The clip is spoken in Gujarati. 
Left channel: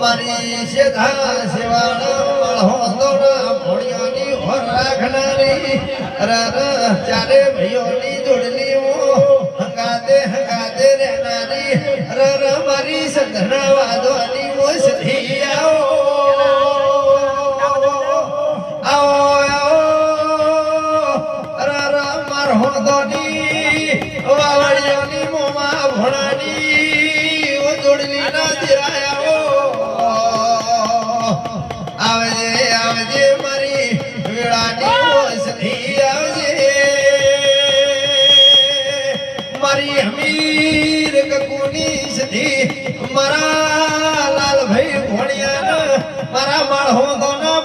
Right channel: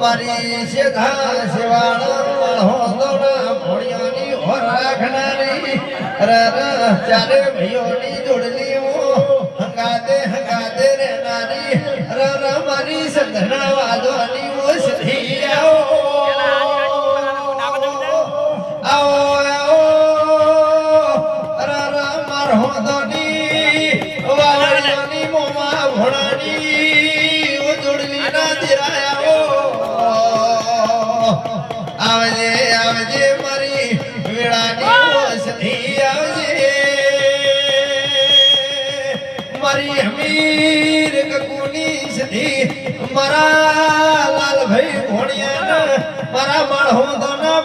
મારી શેખા સેવાના હોતોના ભોળિયાની હોર રાખનારી ચારે ભાઈઓની જોડલી હંગાતે રહેનારી મારી સગના વાદવાની ઓસથી માર હોતોની વાળીઓની મોમાં ભોળાની જોડલી ના દિરાયા આવજે મારી વેળાની ઓસથી આવજે મારી હમીર કકુની સધી મારા લાલભાઈ ભોણિયા મારા માળો દોના